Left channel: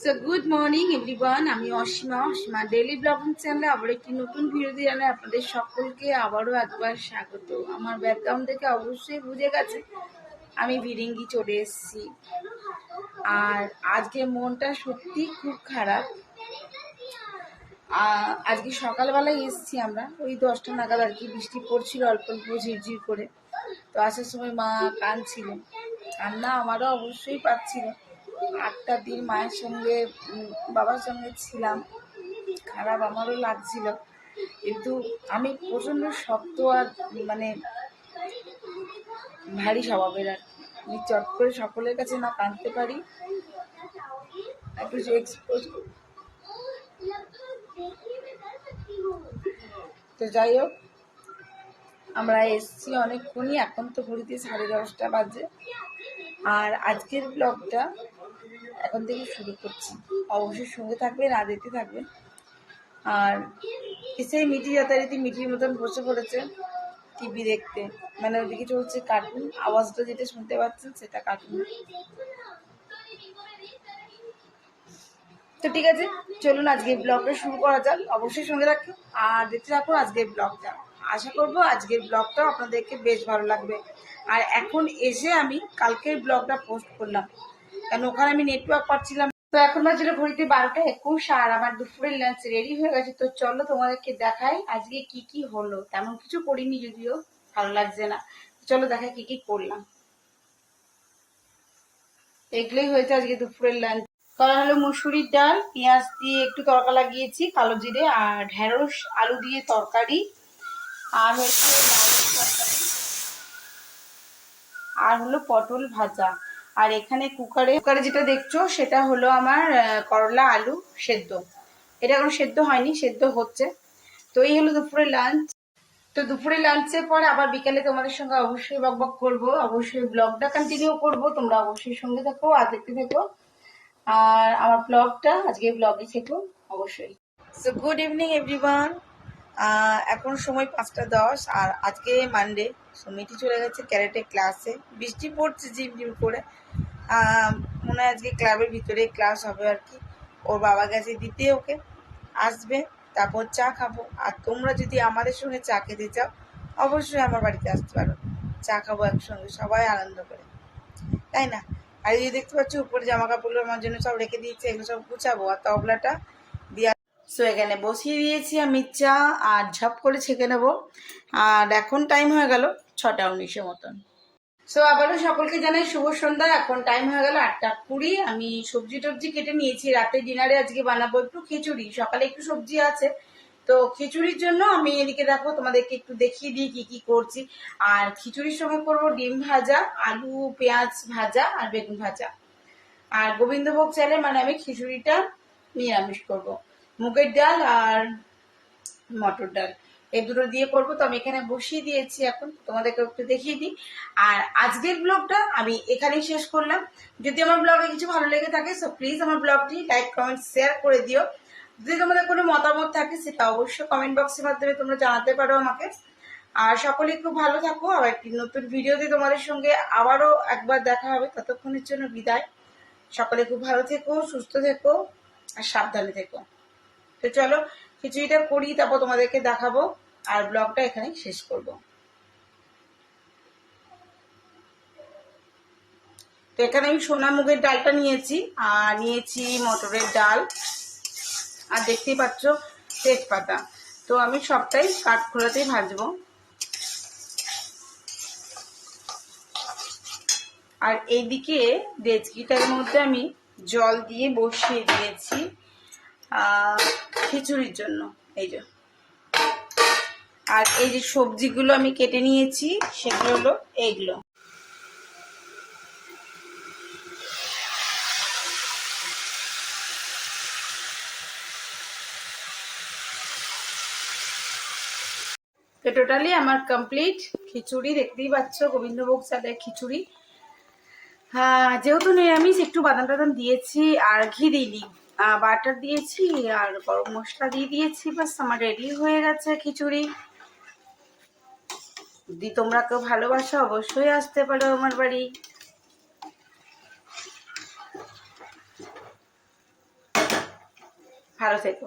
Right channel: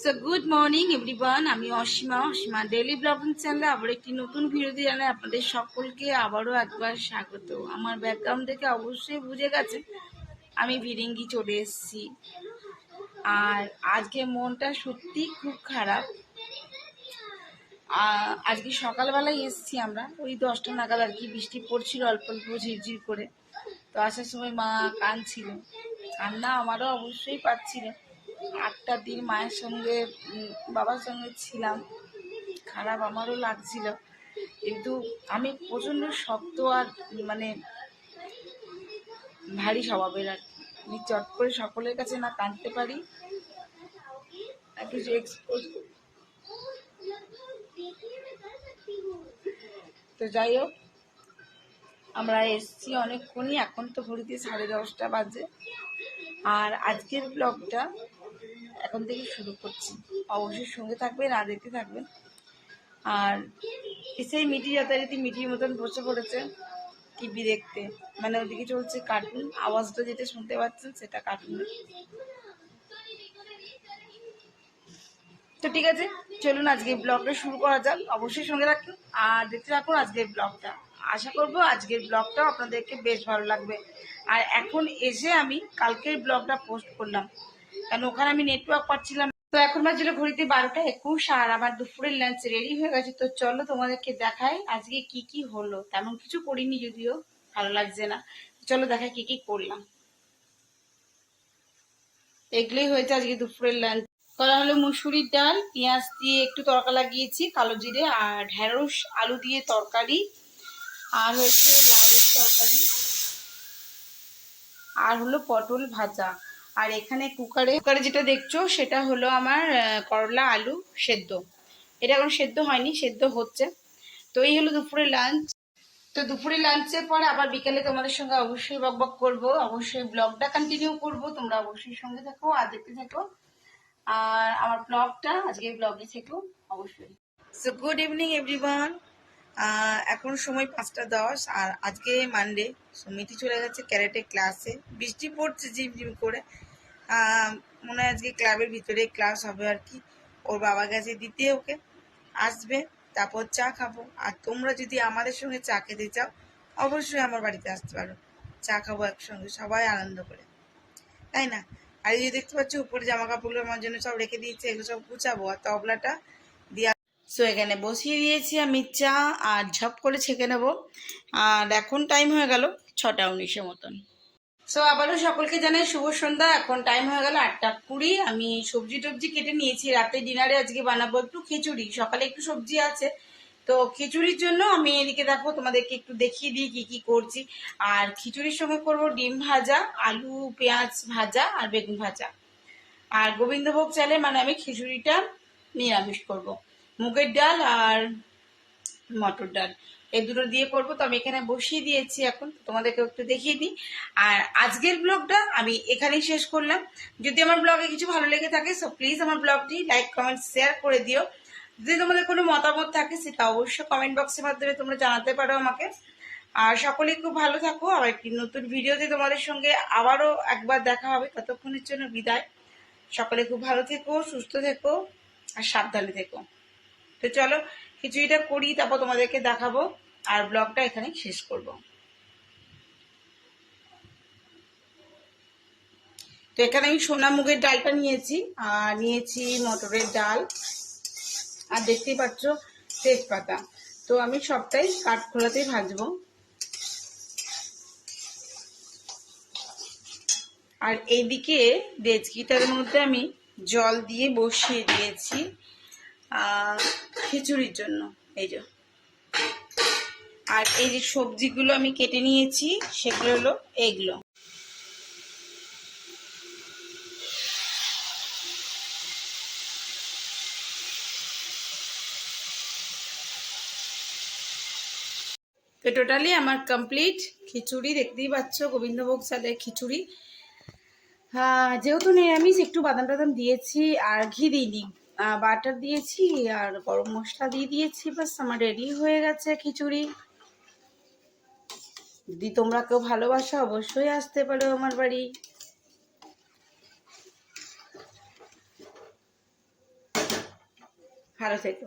So good morning everyone, আমি Asima daily blogging চ্যানেলে আবার একটি নতুন ভিডিওতে জানাই আপনাদের সকলকে আবারও একবার স্বাগত। আমার ব্যাকগ্রাউন্ড থেকে অবশ্যই বুঝে গেছে আমি ভিরিঙ্গি চলে এসেছি। আর আজকে মনটা সত্যি খুব খারাপ। আজকে সকালবেলায় এসেছি আমরা ওই 10টা নাগাদ, আর কি বৃষ্টি পড়ছিল অল্প অল্প ঝিরঝির করে। তো আসার সময় মা কাঁদছিল, কান্না আমারও অবশ্যই পাচ্ছিল। 8টা দিন মায়ের সঙ্গে বাবার সঙ্গে ছিলাম, খারাপ আমারও লাগছিল, কিন্তু আমি প্রচণ্ড শক্ত আর মানে ভারী স্বভাবের। আর আমি চট করে সকলের কাছে না কাঁদতে পারি, একটু যে এক্সপোজ। তো যাই হোক, আমরা এসছি অনেকক্ষণই, এখন তো ঘড়িতে 10:30 বাজে। আর আজকের ব্লগটা এখন থেকে শুরু করছি, অবশ্যই সঙ্গে থাকবেন আর দেখতে থাকবেন। আর এসে মিটি যথারীতি মিটির মতন বসে পড়েছে টিভি দেখতে, মানে ওদিকে চলছে কার্টুন, আওয়াজটা যেটা শুনতে পাচ্ছেন সেটা কার্টুন। তো ঠিক আছে, চলুন আজকের ব্লগটা শুরু করা যাক। অবশ্যই সঙ্গে রাখুন আর দেখতে থাকুন আজকের ব্লগটা। আশা করবো আজকের ব্লগটাও আপনাদেরকে বেশ ভালো লাগবে। আর এখন এসে আমি কালকের ব্লগটা পোস্ট করলাম, কারণ ওখানে আমি নেটওয়ার্ক পাচ্ছিলাম। তো এখন বাজে ঘড়িতে 12টা 21, আর আবার দুপুরের লাঞ্চ রেডি হয়ে গেছে। তো চলো তোমাদেরকে দেখাই আজকে কি কি হলো। তেমন কিছু করিনি, যদিও ভালো লাগছে না। চলো দেখাই কি কি করলাম। এগুলোই হয়েছে আজকে দুপুরের লাঞ্চ। করা হলো মুসুরির ডাল, পেঁয়াজ দিয়ে একটু তড়কা লাগিয়েছি, কালো জিরে, আর ঢেঁড়স আলু দিয়ে তরকারি, আর হচ্ছে লাউয়ের তরকারি, আর হলো পটল ভাজা। আর এখানে কুকারে যেটা দেখছো সেটা হলো আমার করলা আলু সেদ্ধ। এটা এখন সেদ্ধ হয়নি, সেদ্ধ হচ্ছে। তো এই হলো দুপুরের লাঞ্চ। তো দুপুরে লাঞ্চের পর আবার বিকালে তোমাদের সঙ্গে অবশ্যই বকবক করবো, অবশ্যই ব্লগটা কন্টিনিউ করবো। তোমরা অবশ্যই সঙ্গে থাকো আর দেখতে থাকো আর আমার ব্লগটা, আজকে ব্লগে থেকো অবশ্যই। So good evening everyone. এখন সময় 5টা 10, আর আজকে মানডে। সো মিটি চলে গেছে ক্যারেটে ক্লাসে, বৃষ্টি পড়ছে ঝিমঝিম করে। মনে হয় আজকে ক্লাবের ভিতরে ক্লাস হবে আর কি। ওর বাবা গেছে দিতে, ওকে আসবে, তারপর চা খাবো। আর তোমরা যদি আমাদের সঙ্গে চা খেতে চাও অবশ্যই আমার বাড়িতে আসতে পারো, চা খাবো একসঙ্গে সবাই আনন্দ করে, তাই না? আর এই যে দেখতে পাচ্ছি উপরে জামা কাপড়গুলো আমার জন্য সব রেখে দিয়েছে, এগুলো সব গুছাবো আর তবলাটা দিয়ে। সো এখানে বসিয়ে দিয়েছি আমি চা, আর ঝপ করে ছেঁকে নেবো। আর এখন টাইম হয়ে গেল 6টা 19 মতন। সো আবারও সকলকে জানাই শুভ সন্ধ্যা। এখন টাইম হয়ে গেল 8টা 20। আমি সবজি টবজি কেটে নিয়েছি, রাতে ডিনারে আজকে বানাবো একটু খিচুড়ি। সকালে একটু সবজি আছে, তো খিচুড়ির জন্য আমি এদিকে দেখো তোমাদেরকে একটু দেখিয়ে দিই কি কি করছি। আর খিচুড়ির সঙ্গে করবো ডিম ভাজা, আলু পেঁয়াজ ভাজা, আর বেগুন ভাজা। আর গোবিন্দভোগ চালে মানে আমি খিচুড়িটা নিরামিষ করব, মুগের ডাল আর মটর ডাল এই দুটো দিয়ে করবো। তো আমি এখানে বসিয়ে দিয়েছি, এখন তোমাদেরকে একটু দেখিয়ে দিই। আর আজকের ব্লগটা আমি এখানেই শেষ করলাম। যদি আমার ব্লগে কিছু ভালো লেগে থাকে সো প্লিজ আমার ব্লগটি লাইক কমেন্ট শেয়ার করে দিও। যদি তোমাদের কোনো মতামত থাকে সেটা অবশ্যই কমেন্ট বক্সের মাধ্যমে তোমরা জানাতে পারো আমাকে। আর সকলেই খুব ভালো থাকো, আর একটি নতুন ভিডিওতে তোমাদের সঙ্গে আবারও একবার দেখা হবে। ততক্ষণের জন্য বিদায়। সকলে খুব ভালো থেকো, সুস্থ থেকো, আর সাবধানে থেকো। তো চলো খিচুড়িটা করি, তারপর তোমাদেরকে দেখাবো আর ব্লগটা এখানে শেষ করব। তো এখানে আমি সোনা মুগের ডালটা নিয়েছি, আর নিয়েছি মটরের ডাল, আর দেখতেই পাচ্ছ তেজপাতা। তো আমি সবটাই কাঠখোলাতেই ভাজবো। আর এইদিকে ডেচকিটার মধ্যে আমি জল দিয়ে বসিয়ে দিয়েছি খিচুড়ির জন্য। এই যে, আর এই যে সবজিগুলো আমি কেটে নিয়েছি সেগুলো হলো এইগুলো। তো টোটালি আমার কমপ্লিট খিচুড়ি, দেখতেই পাচ্ছ গোবিন্দভোগ চালের খিচুড়ি। হ্যাঁ, যেহেতু নিরামিষ একটু বাদাম টাদাম দিয়েছি, আর ঘি দিইনি, বাটার দিয়েছি আর গরম মশলা দিয়ে দিয়েছি, বাস আমার রেডি হয়ে গেছে খিচুড়ি। যদি তোমরা কেউ ভালোবাসো অবশ্যই আসতে পারো আমার বাড়ি। ভালো থেকো।